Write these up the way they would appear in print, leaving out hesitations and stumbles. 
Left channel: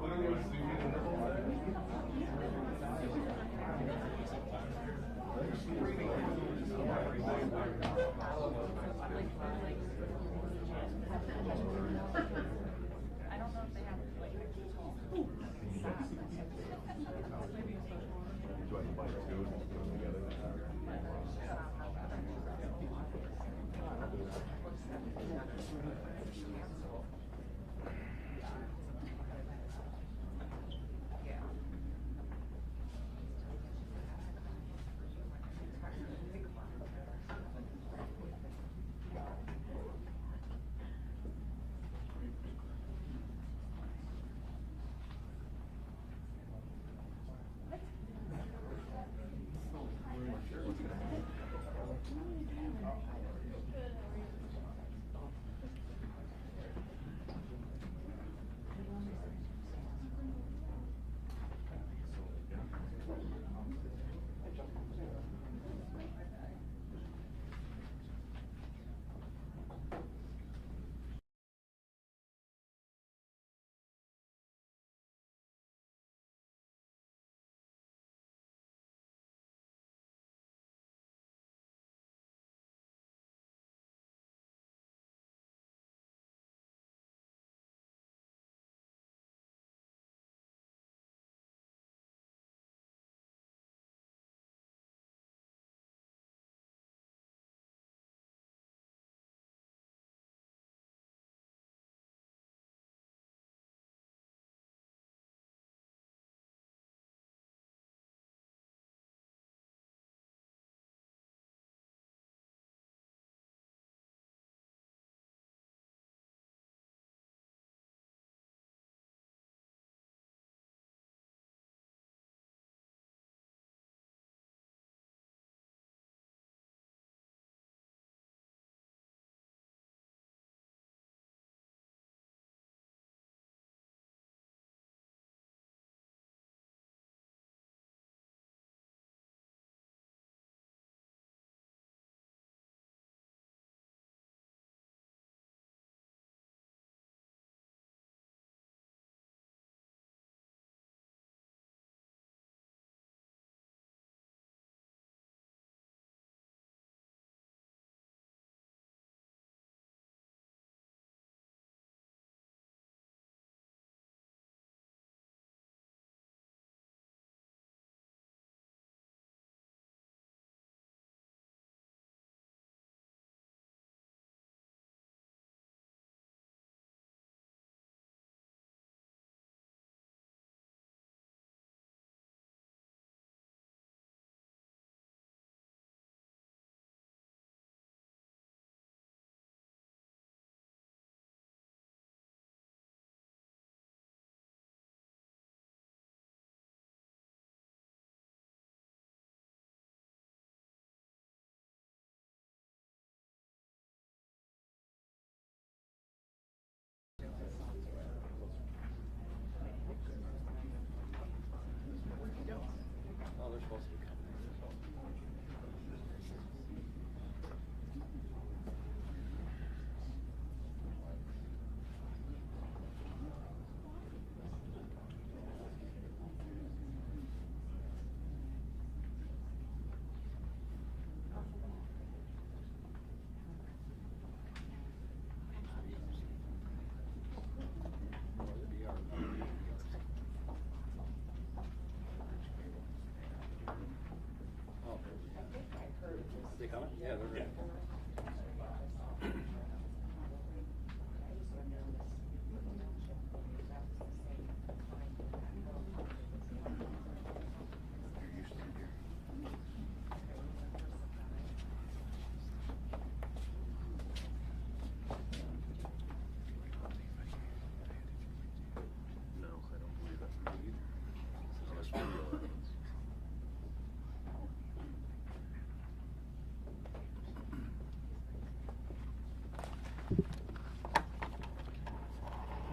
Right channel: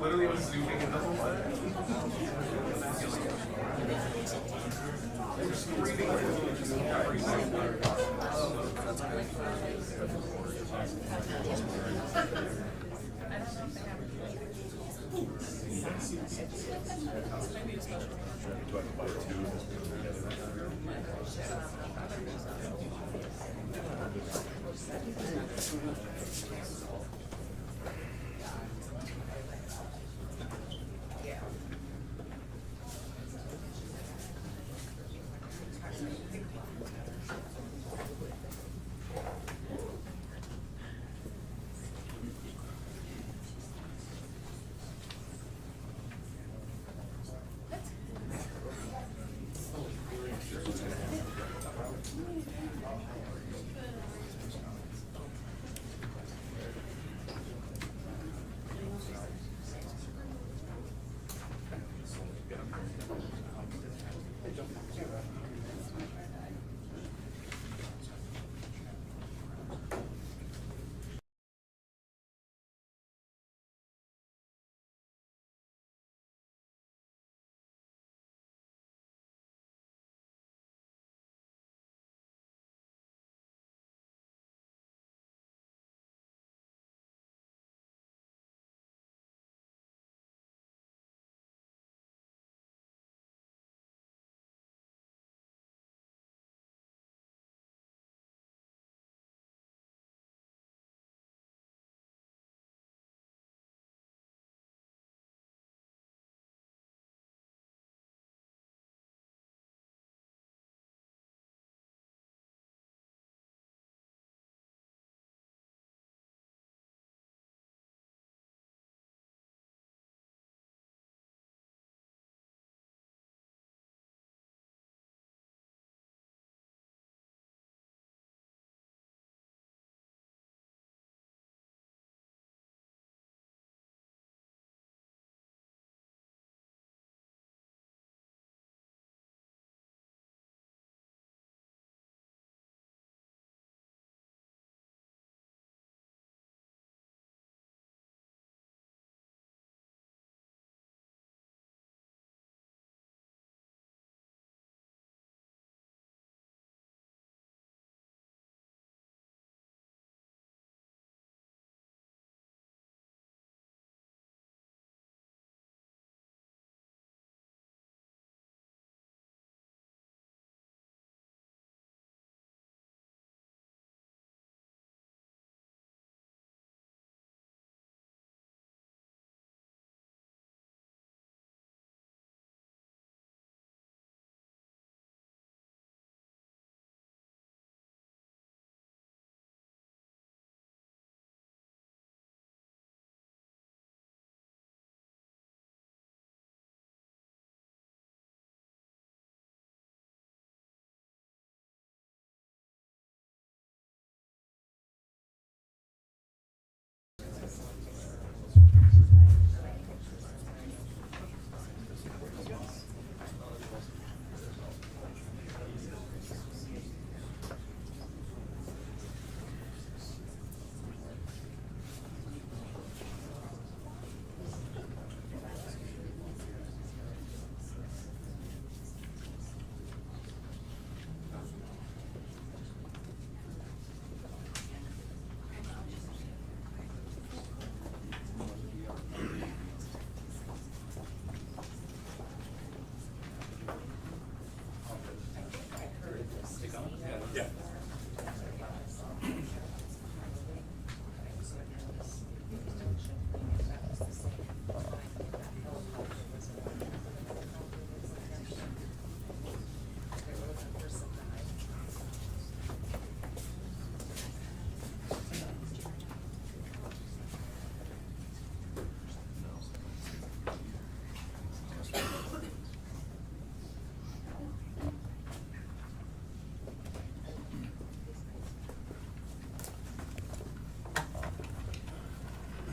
Literally was zooming in the whole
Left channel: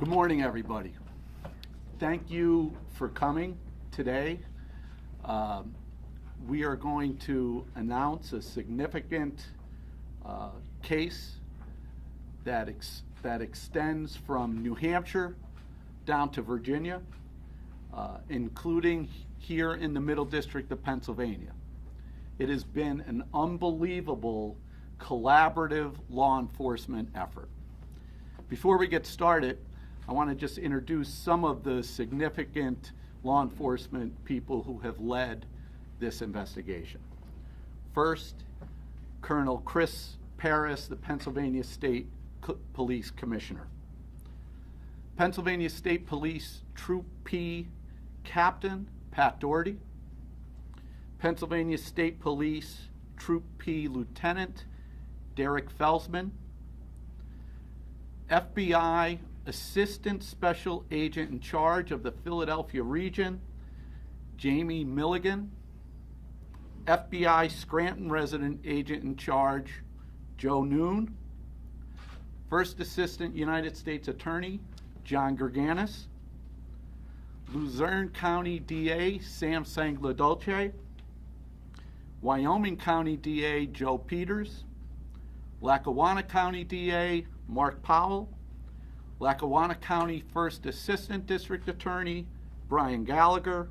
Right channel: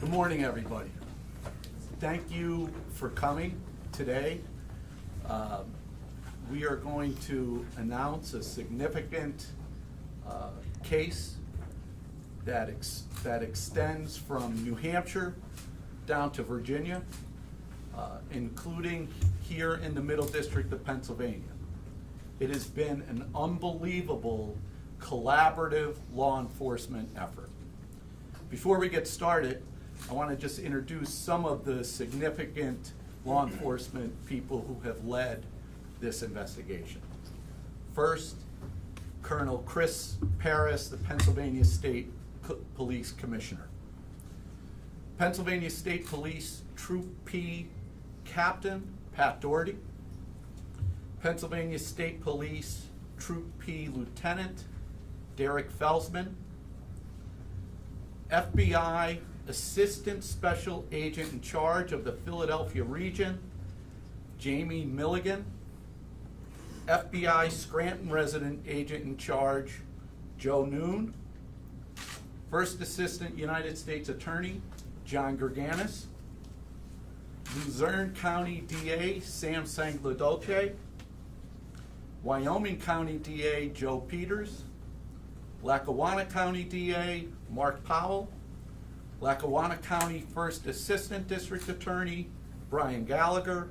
Good morning, everybody. Thank you for coming today. We are going to announce a significant case that extends from New Hampshire down to Virginia, including here in the Middle District of Pennsylvania. It has been an unbelievable collaborative law enforcement effort. Before we get started, I want to just introduce some of the significant law enforcement people who have led this investigation. First, Colonel Chris Paris, the Pennsylvania State Police Commissioner. Pennsylvania State Police Troop P Captain Pat Doherty. Pennsylvania State Police Troop P Lieutenant Derek Felsman. FBI Assistant Special Agent in charge of the Philadelphia region, Jamie Milligan. FBI Scranton Resident Agent in charge, Joe Noon. First Assistant United States Attorney, John Gerganis. Luzerne County DA, Sam Sangladolce. Wyoming County DA, Joe Peters. Lackawanna County DA, Mark Powell. Lackawanna County First Assistant District Attorney, Brian Gallagher.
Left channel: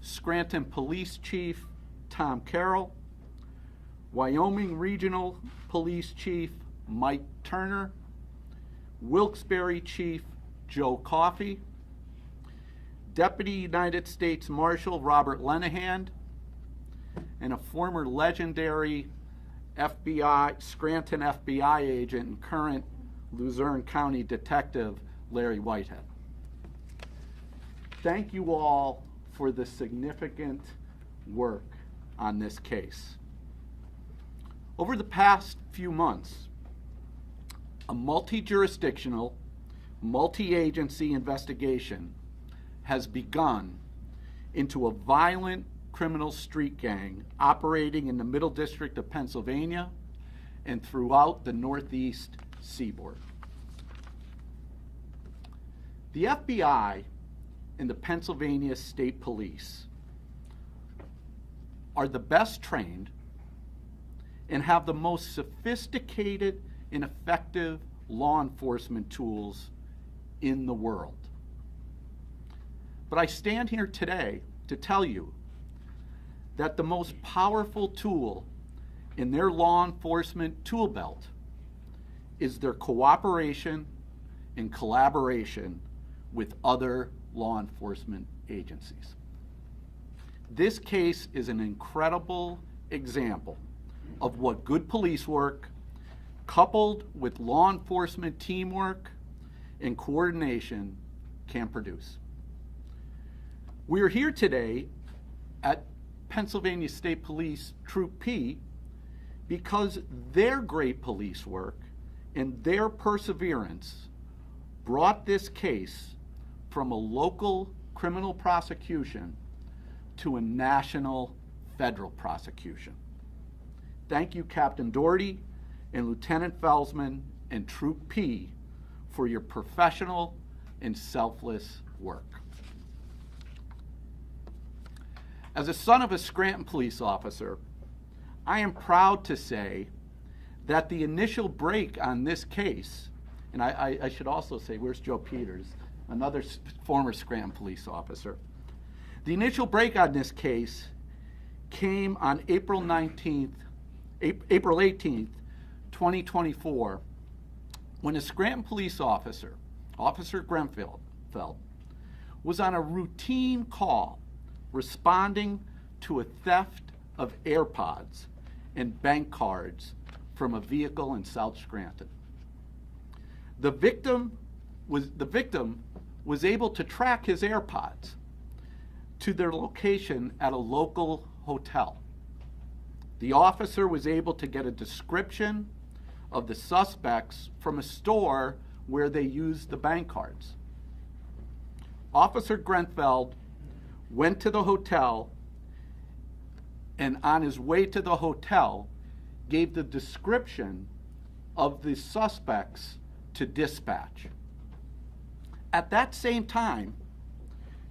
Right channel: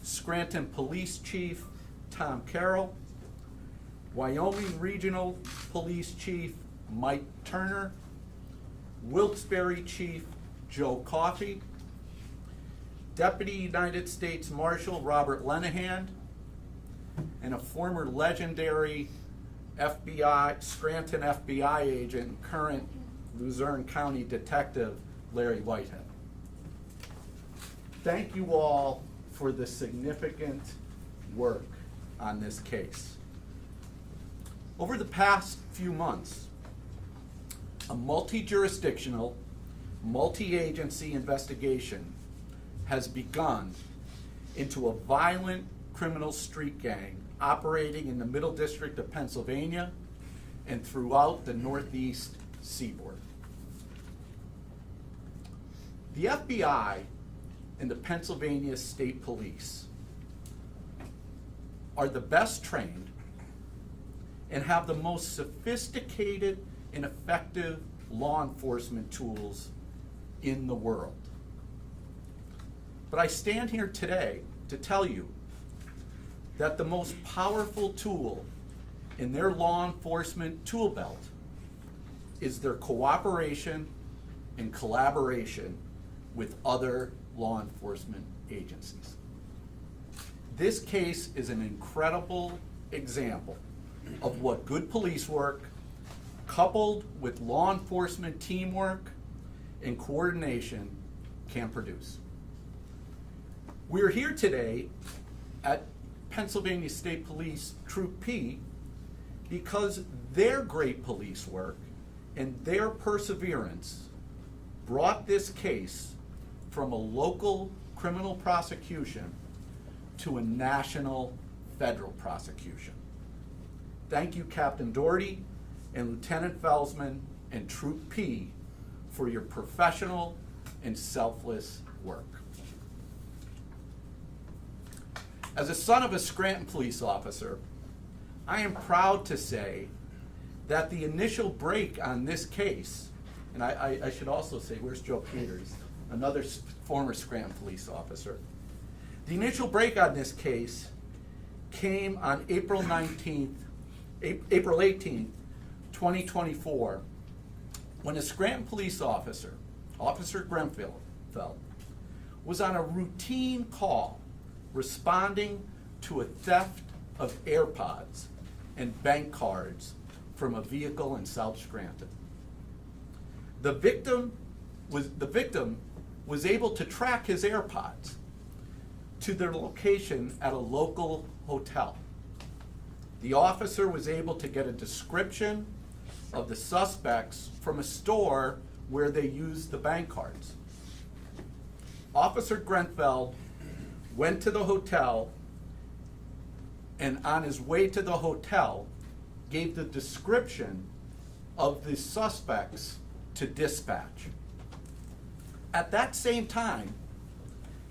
Scranton Police Chief, Tom Carroll. Wyoming Regional Police Chief, Mike Turner. Wilkes-Barre Chief, Joe Coffey. Deputy United States Marshal Robert Lenahan, and a former legendary Scranton FBI agent and current Luzerne County Detective Larry Whitehead. Thank you all for the significant work on this case. Over the past few months, a multi-jurisdictional, multi-agency investigation has begun into a violent criminal street gang operating in the Middle District of Pennsylvania and throughout the Northeast seaboard. The FBI and the Pennsylvania State Police are the best trained and have the most sophisticated and effective law enforcement tools in the world. But I stand here today to tell you that the most powerful tool in their law enforcement tool belt is their cooperation and collaboration with other law enforcement agencies. This case is an incredible example of what good police work, coupled with law enforcement teamwork and coordination, can produce. We are here today at Pennsylvania State Police Troop P because their great police work and their perseverance brought this case from a local criminal prosecution to a national federal prosecution. Thank you, Captain Doherty and Lieutenant Felsman and Troop P for your professional and selfless work. As a son of a Scranton police officer, I am proud to say that the initial break on this case, and I should also say, where's Joe Peters, another former Scranton police officer. The initial break on this case came on April 18th, 2024, when a Scranton police officer, Officer Grenfell, was on a routine call responding to a theft of AirPods and bank cards from a vehicle in South Scranton. The victim was able to track his AirPods to their location at a local hotel. The officer was able to get a description of the suspects from a store where they used the bank cards. Officer Grenfell went to the hotel, and on his way to the hotel, gave the description of the suspects to dispatch. At that same time,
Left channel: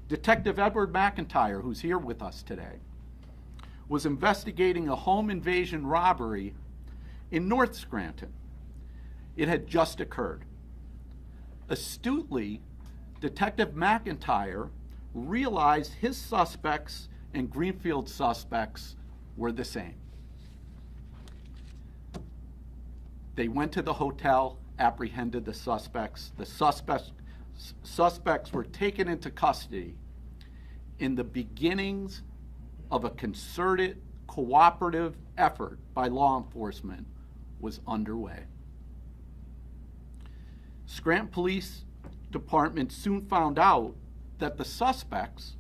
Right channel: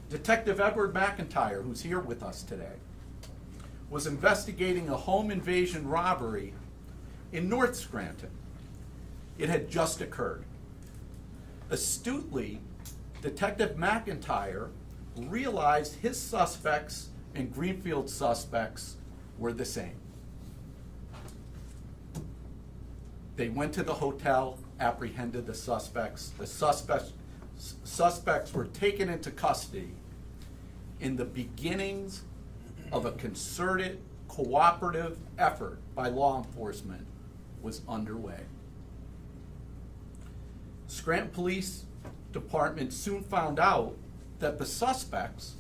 Detective Edward McIntyre, who's here with us today, was investigating a home invasion robbery in North Scranton. It had just occurred. Astutely, Detective McIntyre realized his suspects and Greenfield's suspects were the same. They went to the hotel, apprehended the suspects. The suspects were taken into custody in the beginnings of a concerted, cooperative effort by law enforcement was underway. Scranton Police Department soon found out that the suspects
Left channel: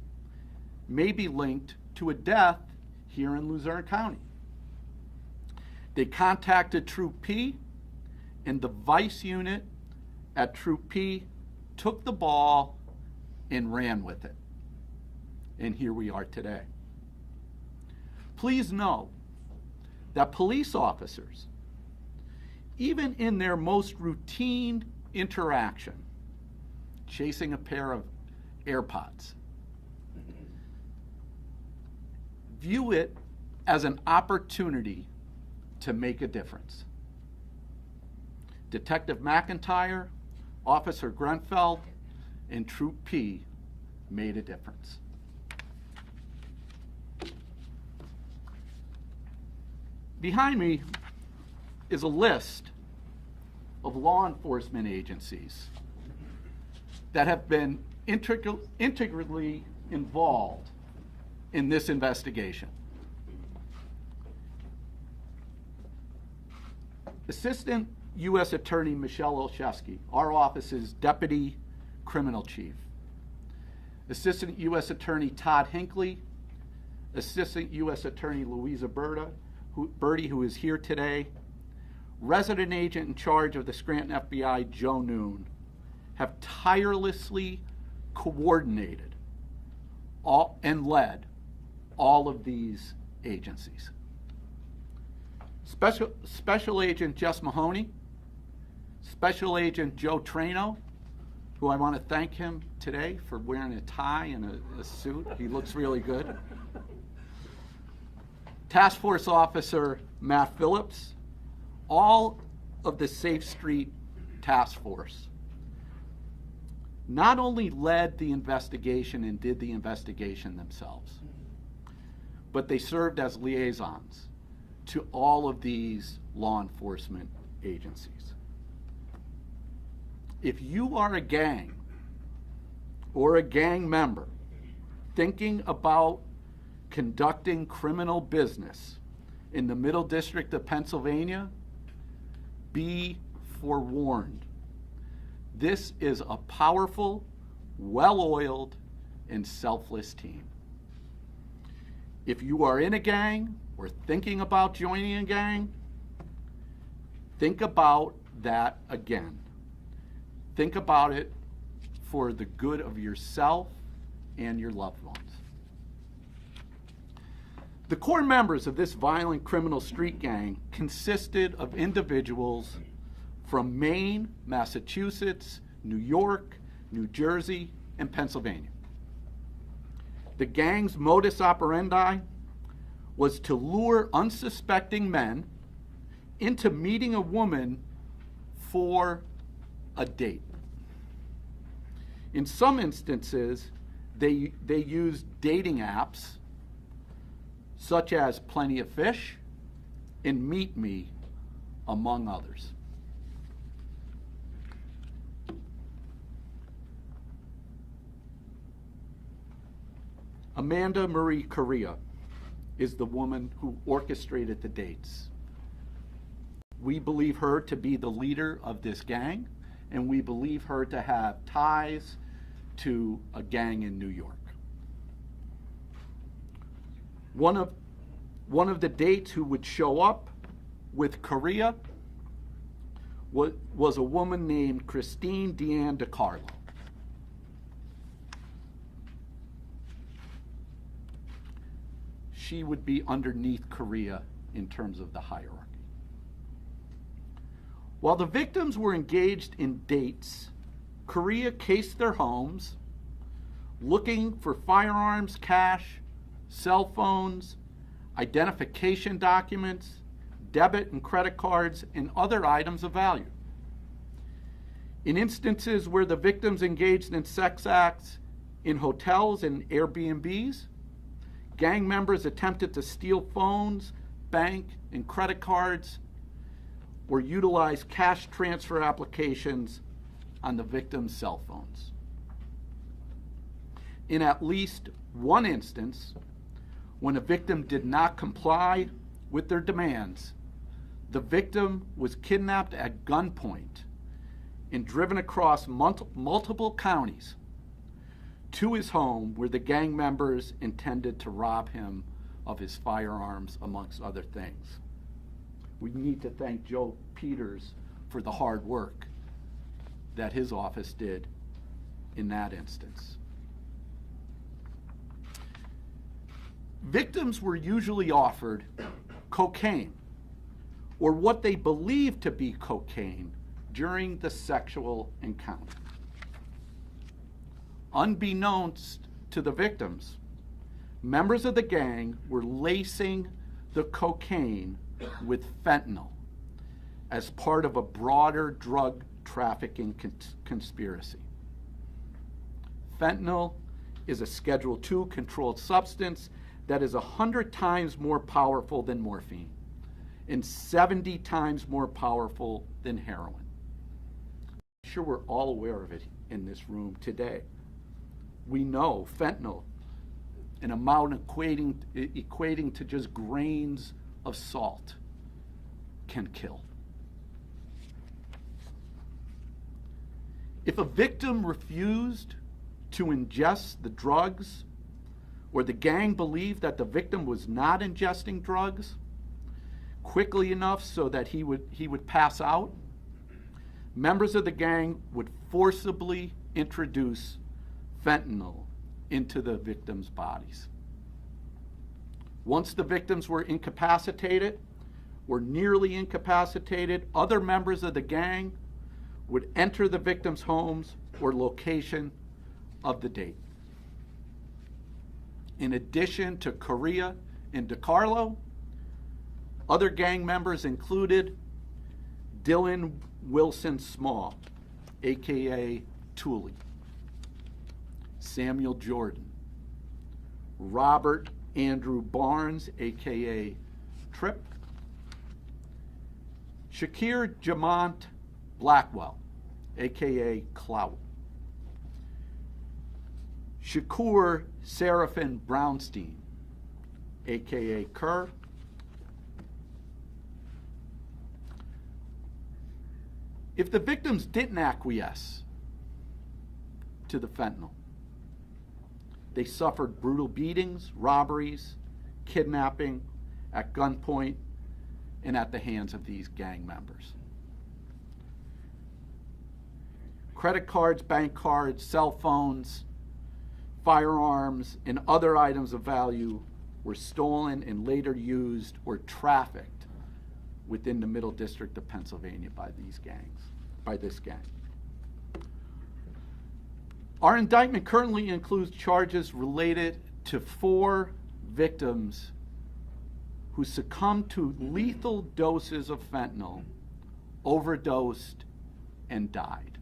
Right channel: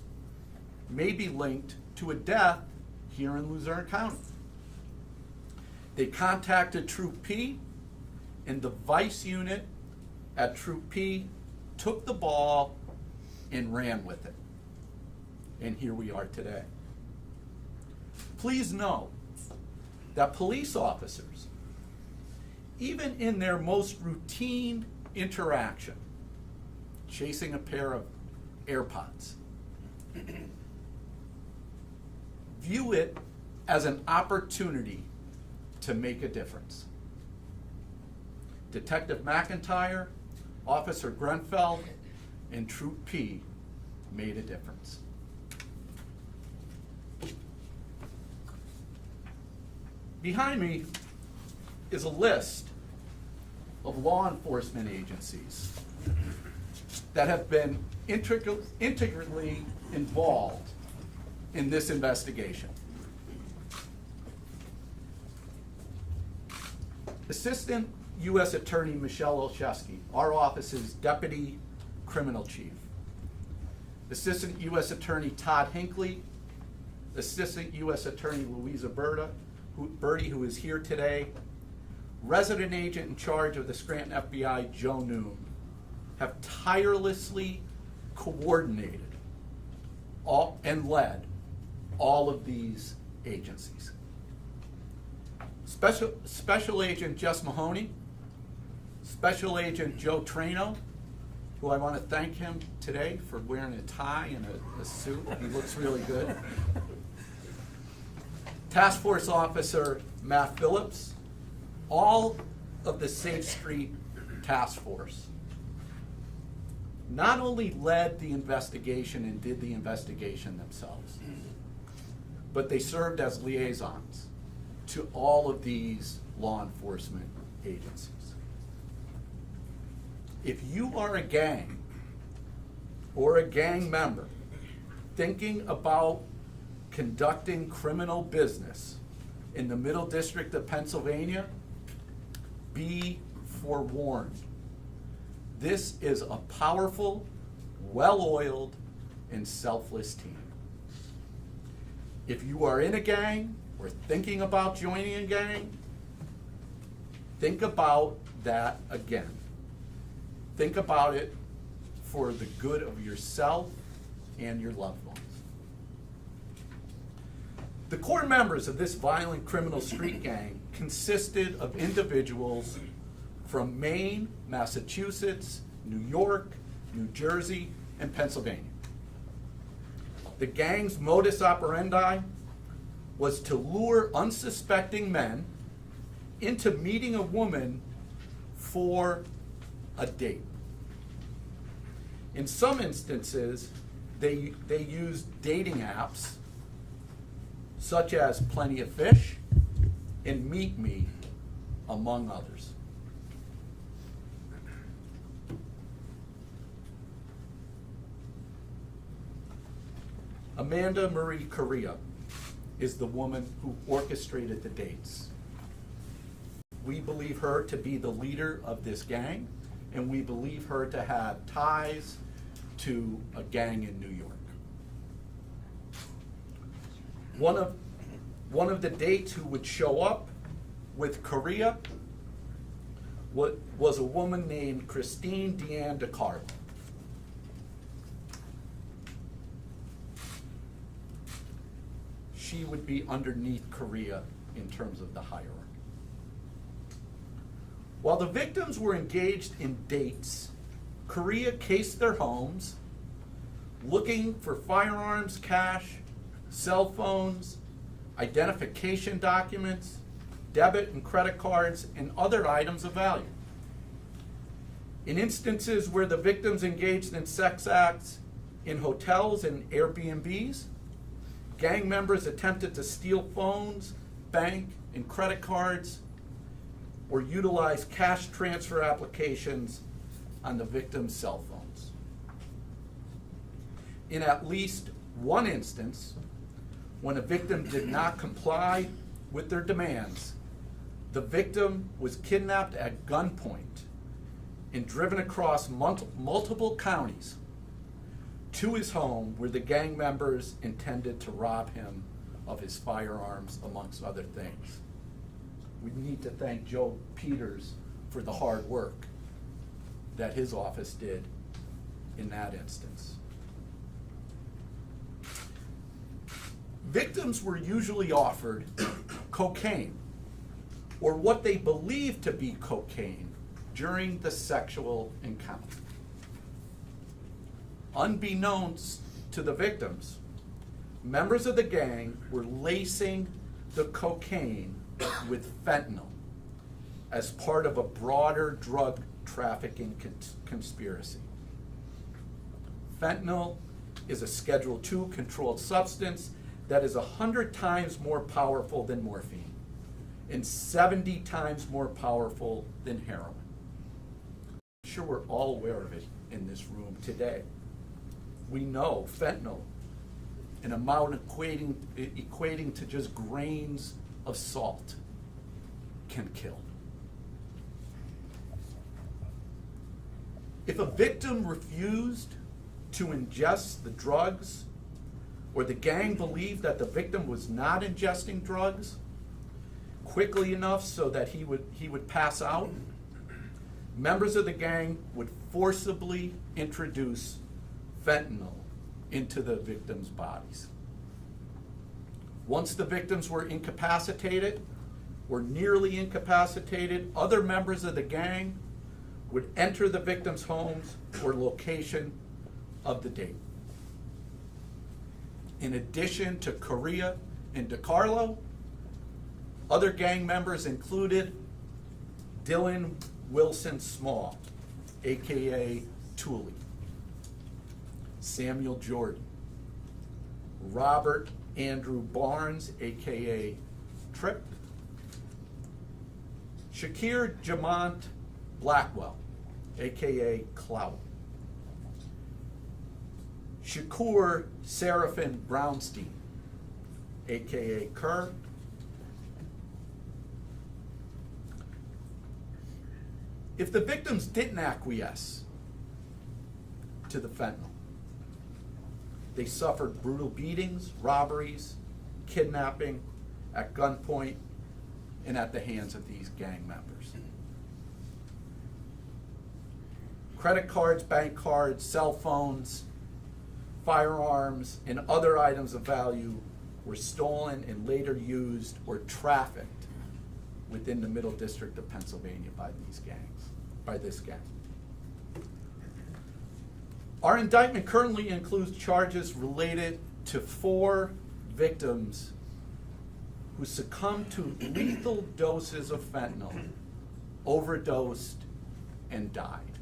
may be linked to a death here in Luzerne County. They contacted Troop P, and the vice unit at Troop P took the ball and ran with it. And here we are today. Please know that police officers, even in their most routine interaction, chasing a pair of AirPods, view it as an opportunity to make a difference. Detective McIntyre, Officer Grenfell, and Troop P made a difference. Behind me is a list of law enforcement agencies that have been integrally involved in this investigation. Assistant U.S. Attorney Michelle Olszewski, our office's Deputy Criminal Chief. Assistant U.S. Attorney Todd Hinckley, Assistant U.S. Attorney Louisa Birdie, who is here today, Resident Agent in charge of the Scranton FBI, Joe Noon, have tirelessly coordinated and led all of these agencies. Special Agent Jess Mahoney, Special Agent Joe Trano, who I want to thank him today for wearing a tie and a suit. He looks really good. Task Force Officer Matt Phillips, all of the Safe Street Task Force not only led the investigation and did the investigation themselves, but they served as liaisons to all of these law enforcement agencies. If you are a gang or a gang member thinking about conducting criminal business in the Middle District of Pennsylvania, be forewarned. This is a powerful, well-oiled, and selfless team. If you are in a gang or thinking about joining a gang, think about that again. Think about it for the good of yourself and your loved ones. The core members of this violent criminal street gang consisted of individuals from Maine, Massachusetts, New York, New Jersey, and Pennsylvania. The gang's modus operandi was to lure unsuspecting men into meeting a woman for a date. In some instances, they used dating apps such as Plenty of Fish and Meet Me, among others. Amanda Marie Correa is the woman who orchestrated the dates. We believe her to be the leader of this gang, and we believe her to have ties to a gang in New York. One of the dates who would show up with Correa was a woman named Christine Deanne DiCarlo. She would be underneath Correa in terms of the hierarchy. While the victims were engaged in dates, Correa cased their homes, looking for firearms, cash, cell phones, identification documents, debit and credit cards, and other items of value. In instances where the victims engaged in sex acts in hotels and Airbnbs, gang members attempted to steal phones, bank, and credit cards, or utilize cash transfer applications on the victim's cell phones. In at least one instance, when a victim did not comply with their demands, the victim was kidnapped at gunpoint and driven across multiple counties to his home, where the gang members intended to rob him of his firearms, amongst other things. We need to thank Joe Peters for the hard work that his office did in that instance. Victims were usually offered cocaine, or what they believed to be cocaine, during the sexual encounter. Unbeknownst to the victims, members of the gang were lacing the cocaine with fentanyl as part of a broader drug trafficking conspiracy. Fentanyl is a Schedule II controlled substance that is 100 times more powerful than morphine and 70 times more powerful than heroin. I'm sure we're all aware of it in this room today. We know fentanyl, an amount equating to just grains of salt, can kill. If a victim refused to ingest the drugs, or the gang believed that the victim was not ingesting drugs quickly enough so that he would pass out, members of the gang would forcibly introduce fentanyl into the victims' bodies. Once the victims were incapacitated or nearly incapacitated, other members of the gang would enter the victims' homes or location of the date. In addition to Correa and DiCarlo, other gang members included Dylan Wilson Small, aka Tooley, Samuel Jordan, Robert Andrew Barnes, aka Tripp, Shakir Jamont Blackwell, aka Clout, Shakur Seraphin Brownstein, aka Kerr, if the victims didn't acquiesce to the fentanyl, they suffered brutal beatings, robberies, kidnapping at gunpoint, and at the hands of these gang members. Credit cards, bank cards, cell phones, firearms, and other items of value were stolen and later used or trafficked within the Middle District of Pennsylvania by this gang. Our indictment currently includes charges related to 4 victims who succumbed to lethal doses of fentanyl, overdosed, and died.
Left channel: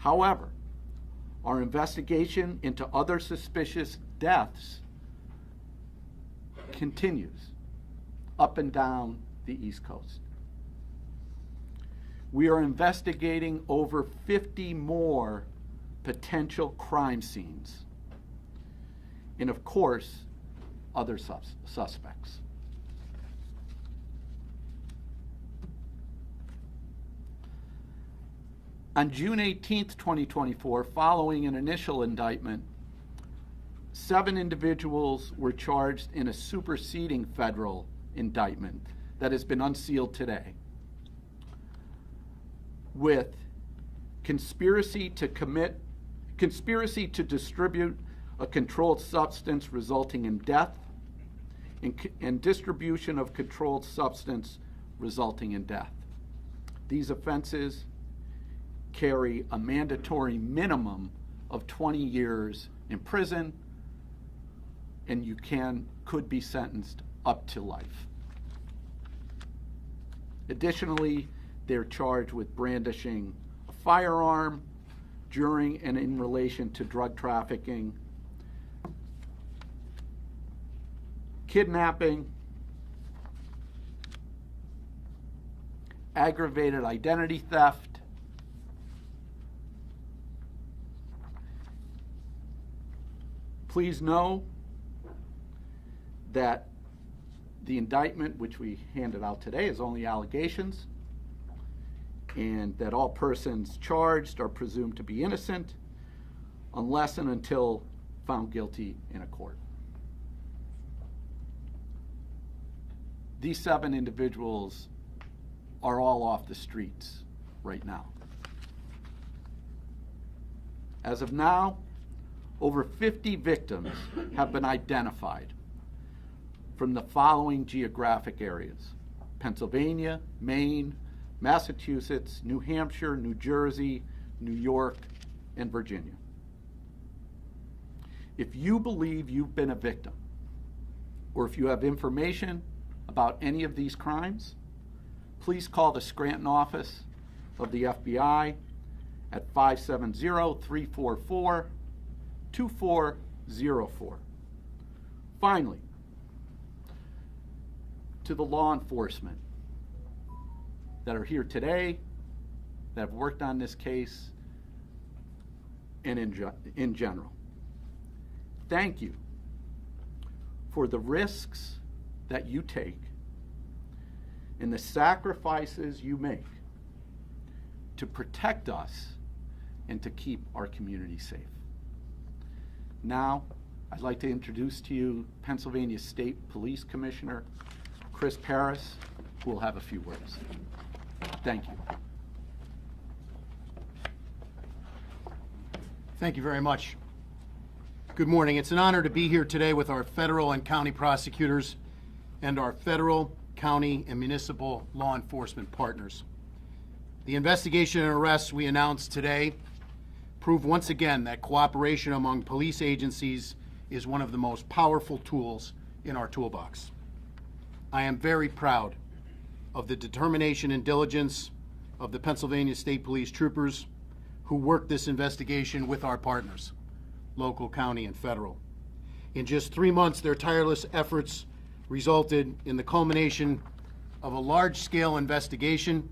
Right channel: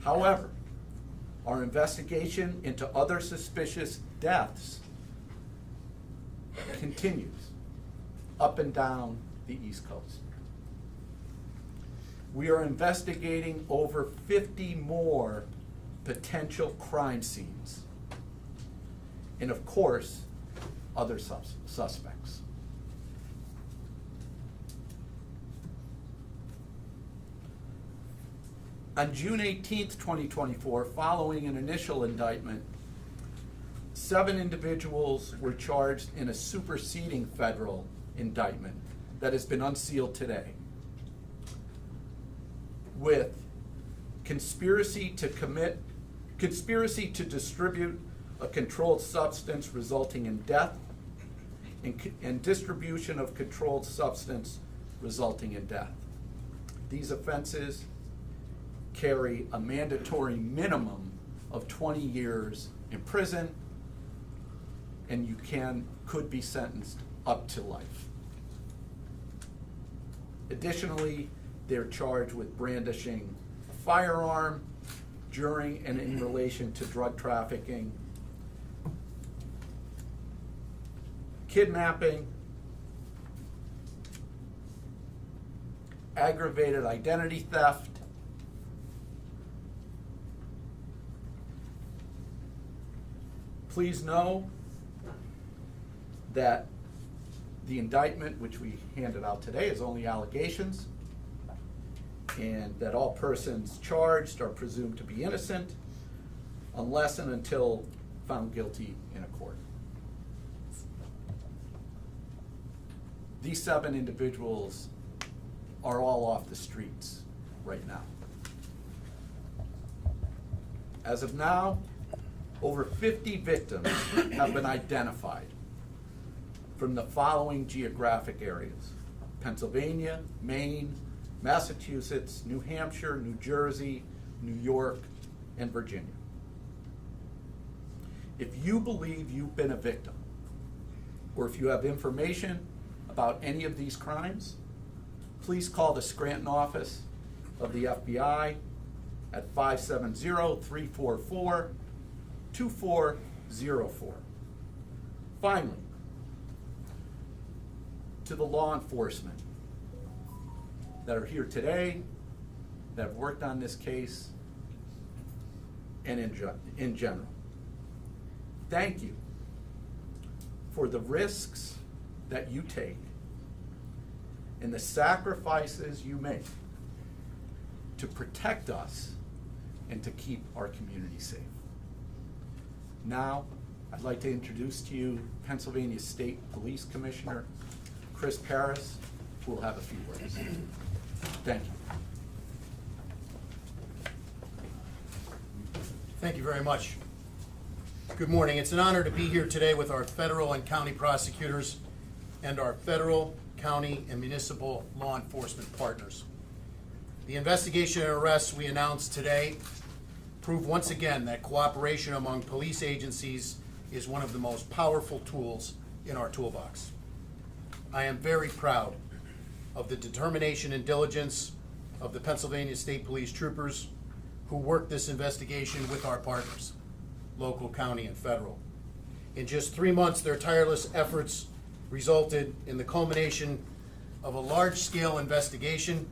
However, our investigation into other suspicious deaths continues up and down the East Coast. We are investigating over 50 more potential crime scenes, and of course, other suspects. On June 18th, 2024, following an initial indictment, 7 individuals were charged in a superseding federal indictment that has been unsealed today with conspiracy to distribute a controlled substance resulting in death, and distribution of controlled substance resulting in death. These offenses carry a mandatory minimum of 20 years in prison, and you could be sentenced up to life. Additionally, they're charged with brandishing a firearm during and in relation to drug trafficking, kidnapping, aggravated identity theft, please know that the indictment which we handed out today is only allegations, and that all persons charged are presumed to be innocent unless and until found guilty in a court. These 7 individuals are all off the streets right now. As of now, over 50 victims have been identified from the following geographic areas: Pennsylvania, Maine, Massachusetts, New Hampshire, New Jersey, New York, and Virginia. If you believe you've been a victim, or if you have information about any of these crimes, please call the Scranton office of the FBI at 570-344-2404. Finally, to the law enforcement that are here today, that have worked on this case, and in general, thank you for the risks that you take and the sacrifices you make to protect us and to keep our community safe. Now, I'd like to introduce to you Pennsylvania State Police Commissioner Chris Paris, who will have a few words. Thank you. Thank you very much. Good morning. It's an honor to be here today with our federal and county prosecutors and our federal, county, and municipal law enforcement partners. The investigation and arrests we announced today prove once again that cooperation among police agencies is one of the most powerful tools in our toolbox. I am very proud of the determination and diligence of the Pennsylvania State Police troopers who worked this investigation with our partners, local, county, and federal. In just 3 months, their tireless efforts resulted in the culmination of a large-scale investigation,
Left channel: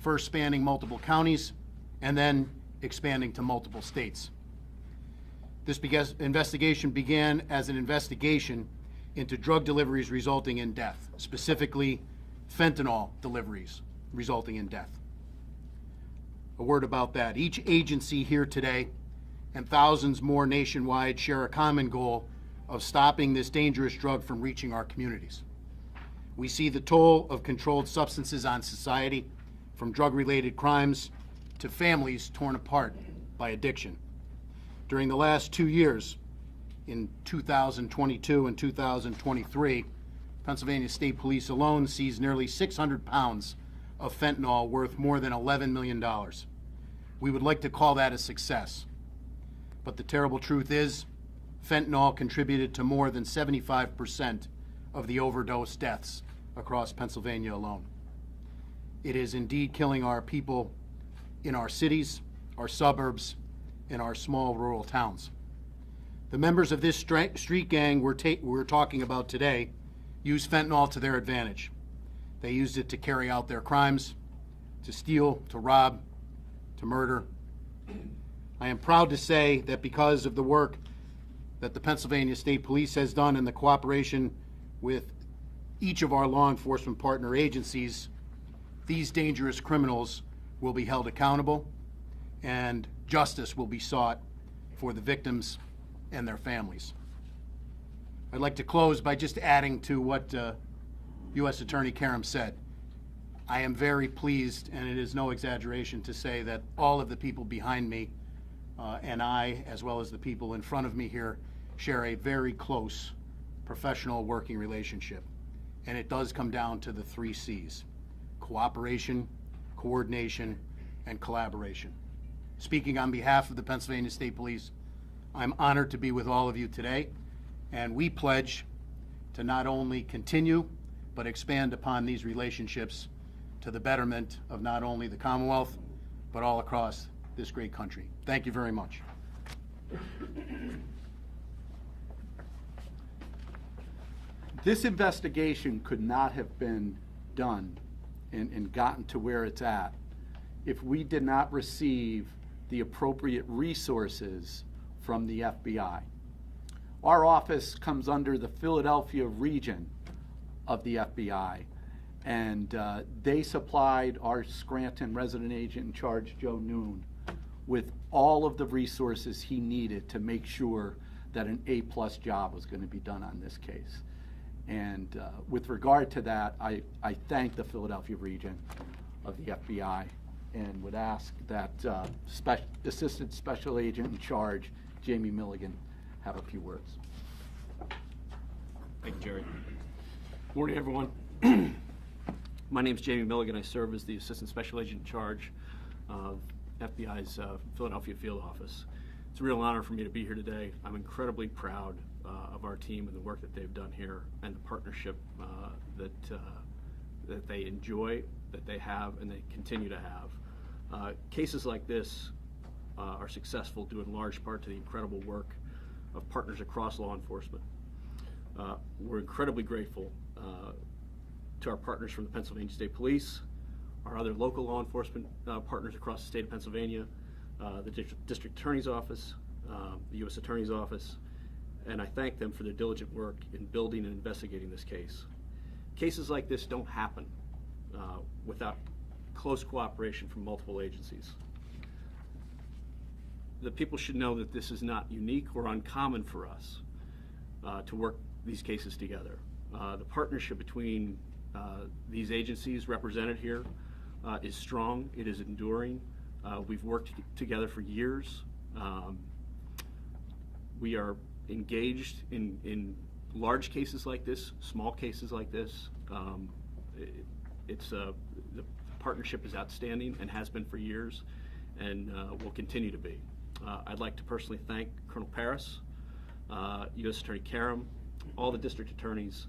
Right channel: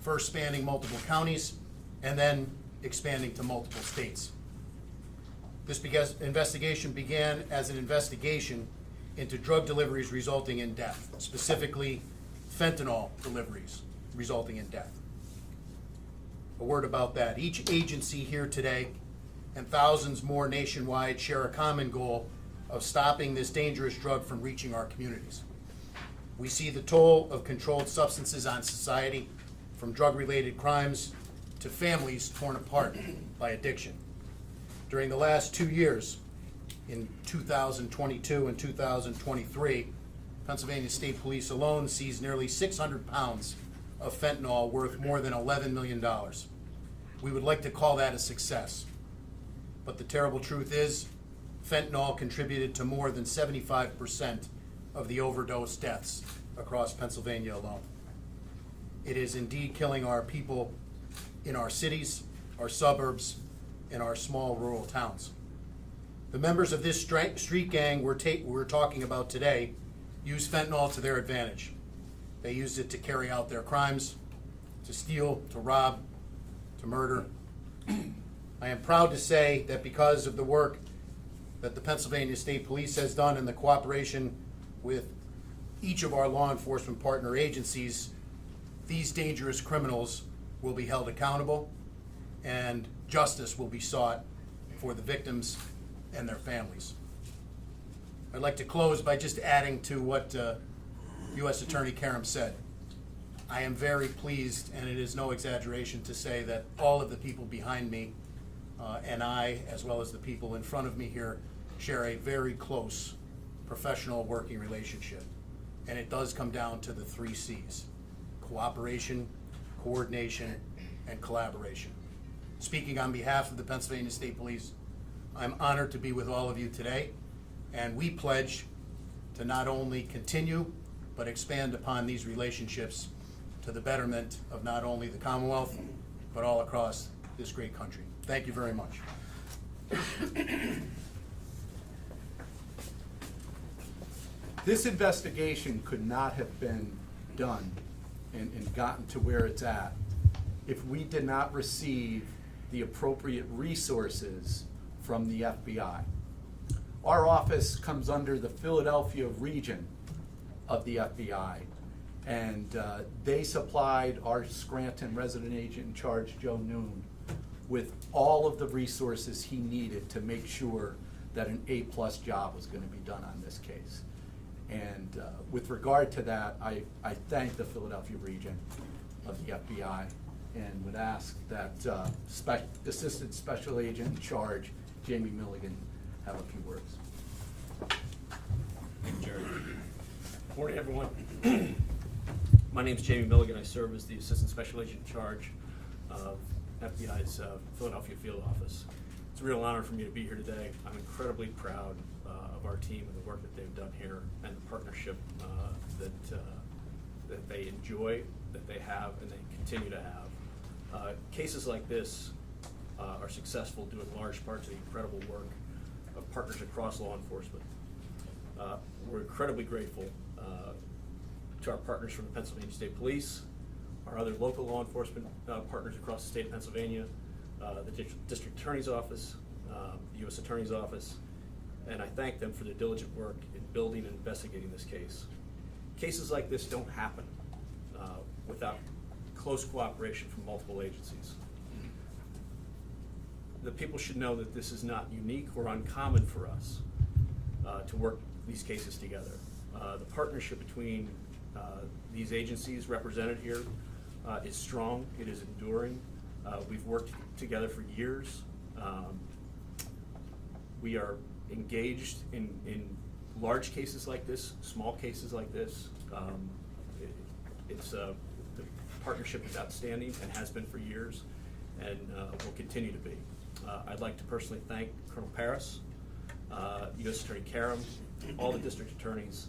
first spanning multiple counties and then expanding to multiple states. This investigation began as an investigation into drug deliveries resulting in death, specifically fentanyl deliveries resulting in death. A word about that. Each agency here today and thousands more nationwide share a common goal of stopping this dangerous drug from reaching our communities. We see the toll of controlled substances on society, from drug-related crimes to families torn apart by addiction. During the last 2 years, in 2022 and 2023, Pennsylvania State Police alone seized nearly 600 pounds of fentanyl worth more than $11 million. We would like to call that a success. But the terrible truth is, fentanyl contributed to more than 75% of the overdose deaths across Pennsylvania alone. It is indeed killing our people in our cities, our suburbs, and our small rural towns. The members of this street gang we're talking about today use fentanyl to their advantage. They used it to carry out their crimes, to steal, to rob, to murder. I am proud to say that because of the work that the Pennsylvania State Police has done in the cooperation with each of our law enforcement partner agencies, these dangerous criminals will be held accountable and justice will be sought for the victims and their families. I'd like to close by just adding to what U.S. Attorney Karam said. I am very pleased, and it is no exaggeration to say that all of the people behind me and I, as well as the people in front of me here, share a very close professional working relationship. And it does come down to the 3 C's: cooperation, coordination, and collaboration. Speaking on behalf of the Pennsylvania State Police, I'm honored to be with all of you today, and we pledge to not only continue, but expand upon these relationships to the betterment of not only the Commonwealth, but all across this great country. Thank you very much. This investigation could not have been done and gotten to where it's at if we did not receive the appropriate resources from the FBI. Our office comes under the Philadelphia region of the FBI, and they supplied our Scranton resident agent in charge, Joe Noon, with all of the resources he needed to make sure that an A-plus job was going to be done on this case. And with regard to that, I thank the Philadelphia region of the FBI and would ask that Assistant Special Agent in charge, Jamie Milligan, have a few words. Thank you, Jerry. Good morning, everyone. My name is Jamie Milligan. I serve as the Assistant Special Agent in charge of FBI's Philadelphia Field Office. It's a real honor for me to be here today. I'm incredibly proud of our team and the work that they've done here and the partnership that they enjoy, that they have, and they continue to have. Cases like this are successful due in large part to the incredible work of partners across law enforcement. We're incredibly grateful to our partners from the Pennsylvania State Police, our other local law enforcement partners across the state of Pennsylvania, the District Attorney's Office, the U.S. Attorney's Office, and I thank them for their diligent work in building and investigating this case. Cases like this don't happen without close cooperation from multiple agencies. The people should know that this is not unique or uncommon for us to work these cases together. The partnership between these agencies represented here is strong, it is enduring. We've worked together for years. We are engaged in large cases like this, small cases like this. The partnership is outstanding and has been for years, and will continue to be. I'd like to personally thank Colonel Paris, U.S. Attorney Karam, all the district attorneys,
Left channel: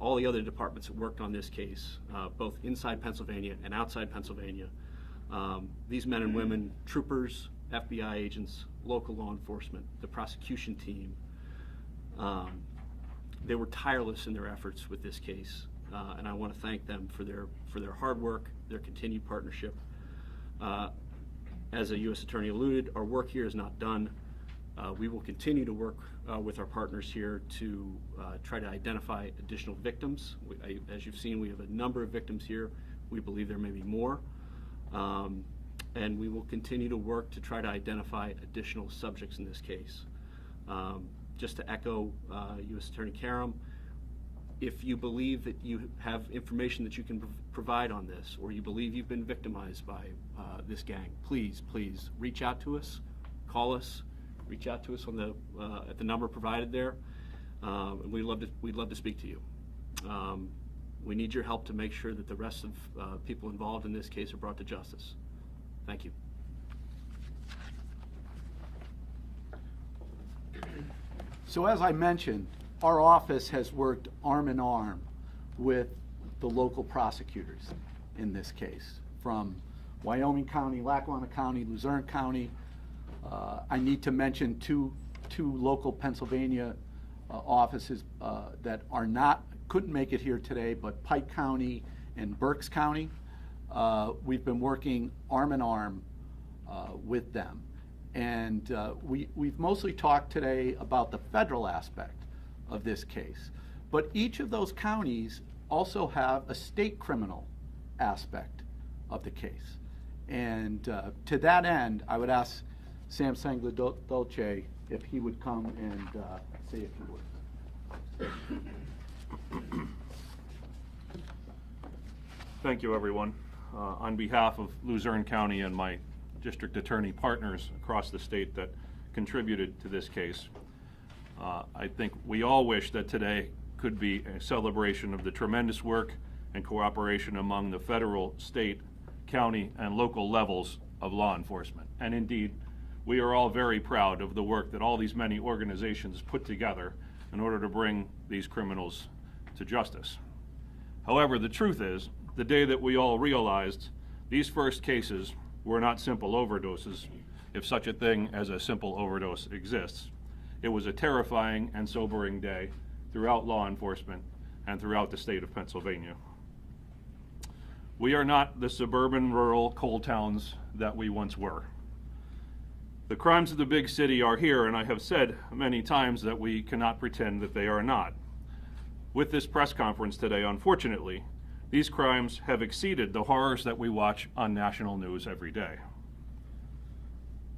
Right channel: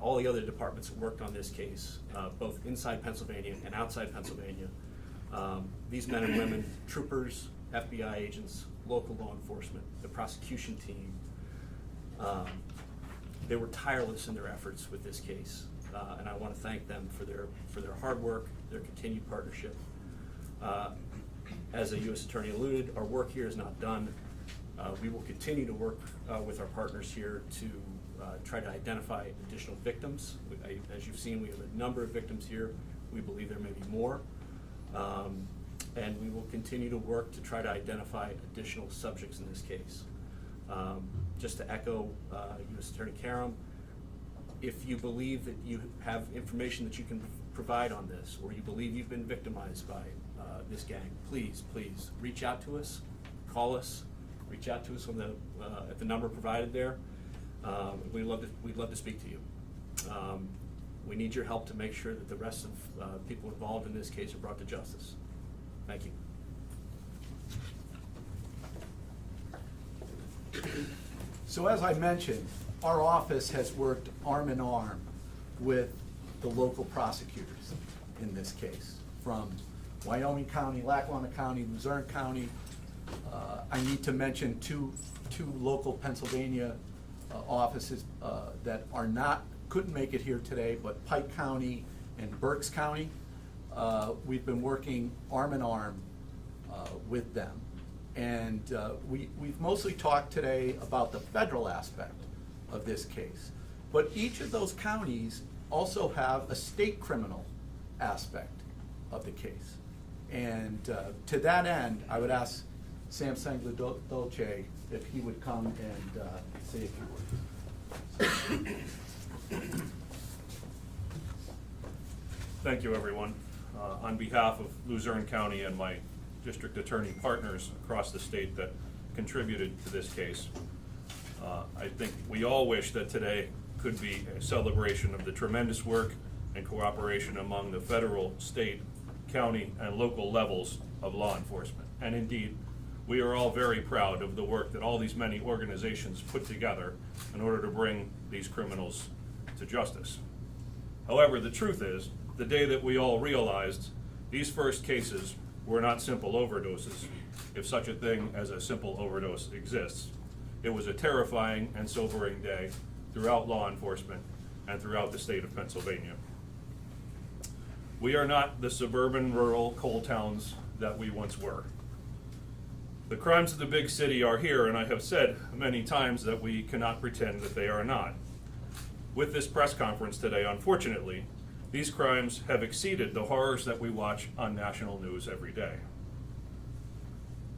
all the other departments that worked on this case, both inside Pennsylvania and outside Pennsylvania. These men and women, troopers, FBI agents, local law enforcement, the prosecution team, they were tireless in their efforts with this case, and I want to thank them for their hard work, their continued partnership. As a U.S. Attorney alluded, our work here is not done. We will continue to work with our partners here to try to identify additional victims. As you've seen, we have a number of victims here. We believe there may be more. And we will continue to work to try to identify additional subjects in this case. Just to echo U.S. Attorney Karam, if you believe that you have information that you can provide on this, or you believe you've been victimized by this gang, please reach out to us, call us, reach out to us on at the number provided there. We'd love to speak to you. We need your help to make sure that the rest of people involved in this case are brought to justice. Thank you. So as I mentioned, our office has worked arm in arm with the local prosecutors in this case, from Wyoming County, Lackawanna County, Luzerne County. I need to mention two local Pennsylvania offices that couldn't make it here today, but Pike County and Berks County. We've been working arm in arm with them. And we've mostly talked today about the federal aspect of this case. But each of those counties also have a state criminal aspect of the case. And to that end, I would ask Sam Sangla-Dolce if he would come and say a few words. Thank you, everyone. On behalf of Luzerne County and my district attorney partners across the state that contributed to this case, I think we all wish that today could be a celebration of the tremendous work and cooperation among the federal, state, county, and local levels of law enforcement. And indeed, we are all very proud of the work that all these many organizations put together in order to bring these criminals to justice. However, the truth is the day that we all realized these first cases were not simple overdoses, if such a thing as a simple overdose exists. It was a terrifying and sobering day throughout law enforcement and throughout the state of Pennsylvania. We are not the suburban, rural coal towns that we once were. The crimes of the big city are here, and I have said many times that we cannot pretend that they are not. With this press conference today, unfortunately, these crimes have exceeded the horrors that we watch on national news every day.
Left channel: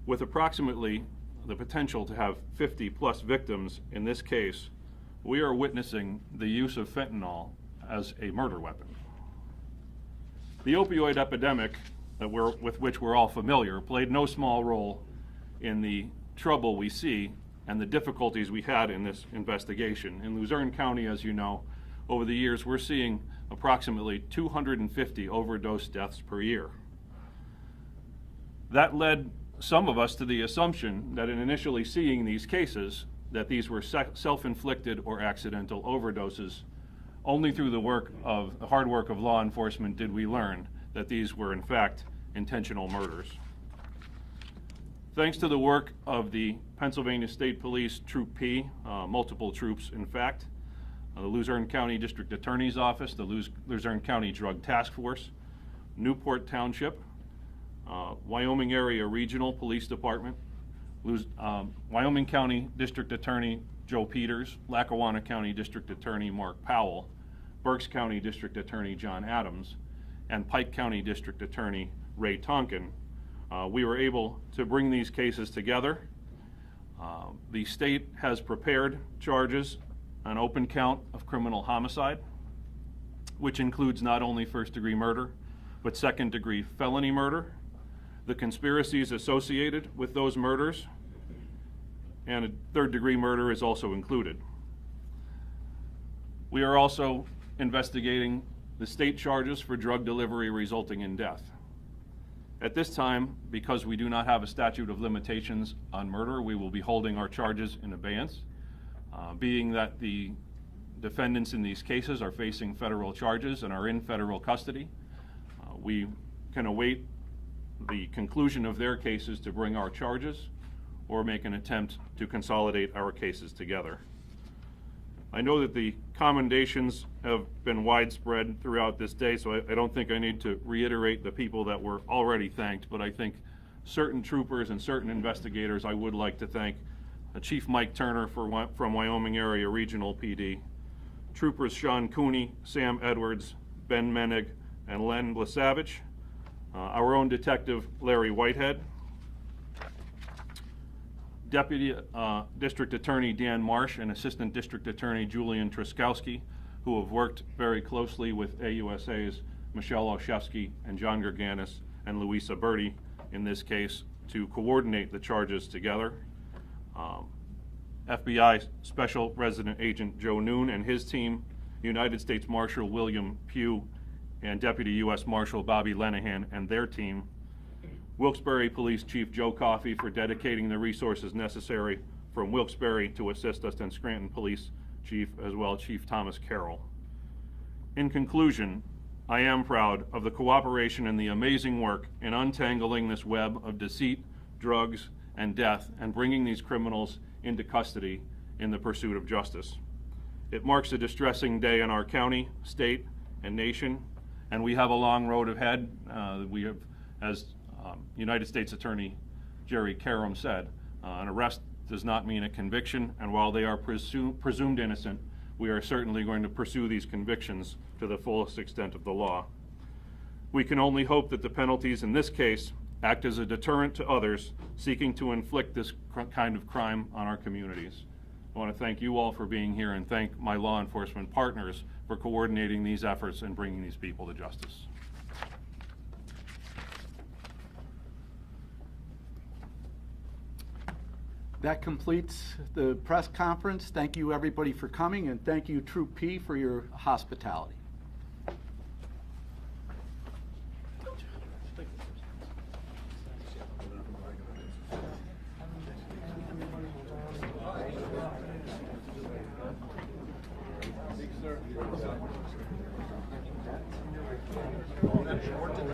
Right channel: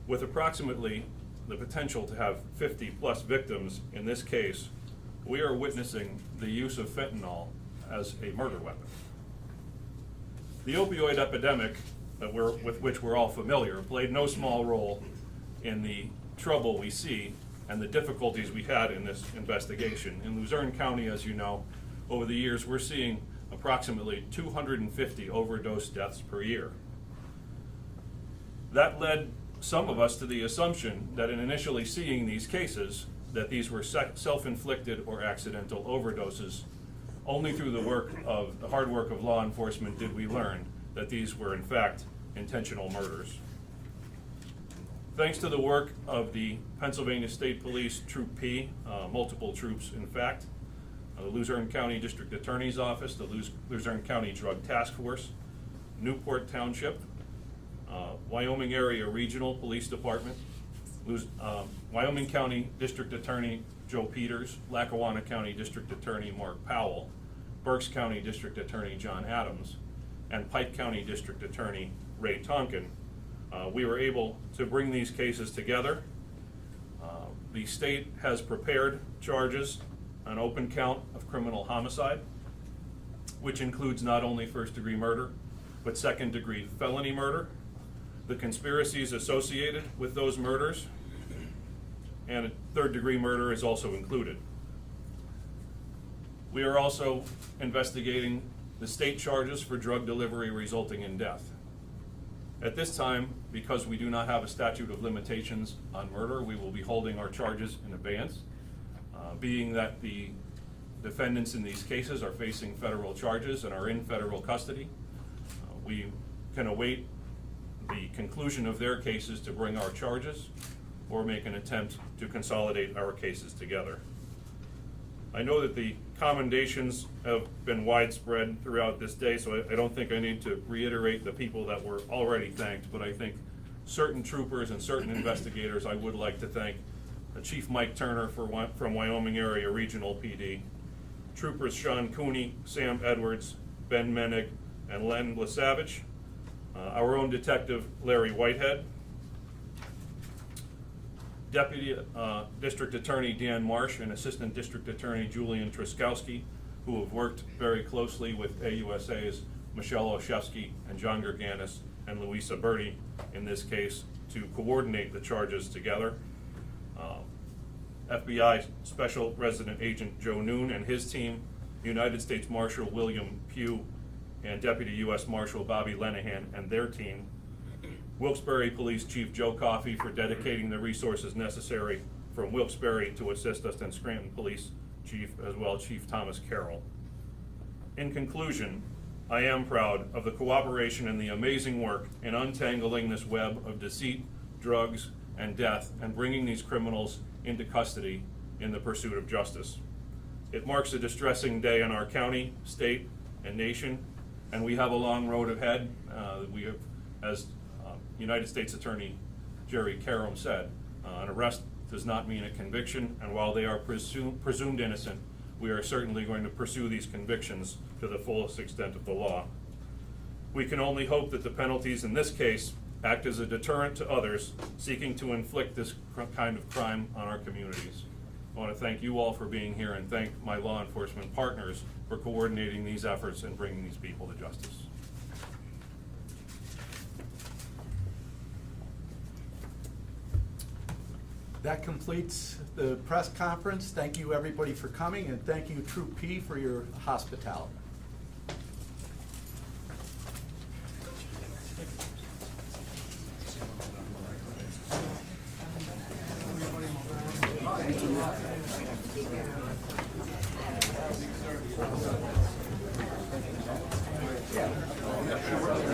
With approximately the potential to have 50+ victims in this case, we are witnessing the use of fentanyl as a murder weapon. The opioid epidemic with which we're all familiar played no small role in the trouble we see and the difficulties we had in this investigation. In Luzerne County, as you know, over the years we're seeing approximately 250 overdose deaths per year. That led some of us to the assumption that in initially seeing these cases, that these were self-inflicted or accidental overdoses. Only through the hard work of law enforcement did we learn that these were in fact intentional murders. Thanks to the work of the Pennsylvania State Police Troop P, multiple troops in fact, the Luzerne County District Attorney's Office, the Luzerne County Drug Task Force, Newport Township, Wyoming Area Regional Police Department, Wyoming County District Attorney Joe Peters, Lackawanna County District Attorney Mark Powell, Berks County District Attorney John Adams, and Pike County District Attorney Ray Tonkin. We were able to bring these cases together. The state has prepared charges on open count of criminal homicide, which includes not only first-degree murder, but second-degree felony murder, the conspiracies associated with those murders, and a third-degree murder is also included. We are also investigating the state charges for drug delivery resulting in death. At this time, because we do not have a statute of limitations on murder, we will be holding our charges in abeyance. Being that the defendants in these cases are facing federal charges and are in federal custody, we can await the conclusion of their cases to bring our charges or make an attempt to consolidate our cases together. I know that the commendations have been widespread throughout this day, so I don't think I need to reiterate the people that were already thanked, but I think certain troopers and certain investigators I would like to thank. Chief Mike Turner from Wyoming Area Regional PD, Troopers Sean Cooney, Sam Edwards, Ben Menig, and Len Blasavich, our own Detective Larry Whitehead, Deputy District Attorney Dan Marsh and Assistant District Attorney Julian Truskowski, who have worked very closely with AUSA's Michelle Oshevsky and John Gerganis and Louisa Berti in this case to coordinate the charges together. FBI Special Resident Agent Joe Noon and his team, United States Marshal William Pugh, and Deputy U.S. Marshal Bobby Lenahan and their team, Wilkes-Barre Police Chief Joe Coffey for dedicating the resources necessary from Wilkes-Barre to assist us, and Scranton Police Chief as well, Chief Thomas Carroll. In conclusion, I am proud of the cooperation and the amazing work in untangling this web of deceit, drugs, and death, and bringing these criminals into custody in the pursuit of justice. It marks a distressing day in our county, state, and nation, and we have a long road ahead. We have, as United States Attorney Jerry Karam said, an arrest does not mean a conviction, and while they are presumed innocent, we are certainly going to pursue these convictions to the fullest extent of the law. We can only hope that the penalties in this case act as a deterrent to others seeking to inflict this kind of crime on our communities. I want to thank you all for being here and thank my law enforcement partners for coordinating these efforts and bringing these people to justice. That completes the press conference. Thank you everybody for coming, and thank you Troop P for your hospitality.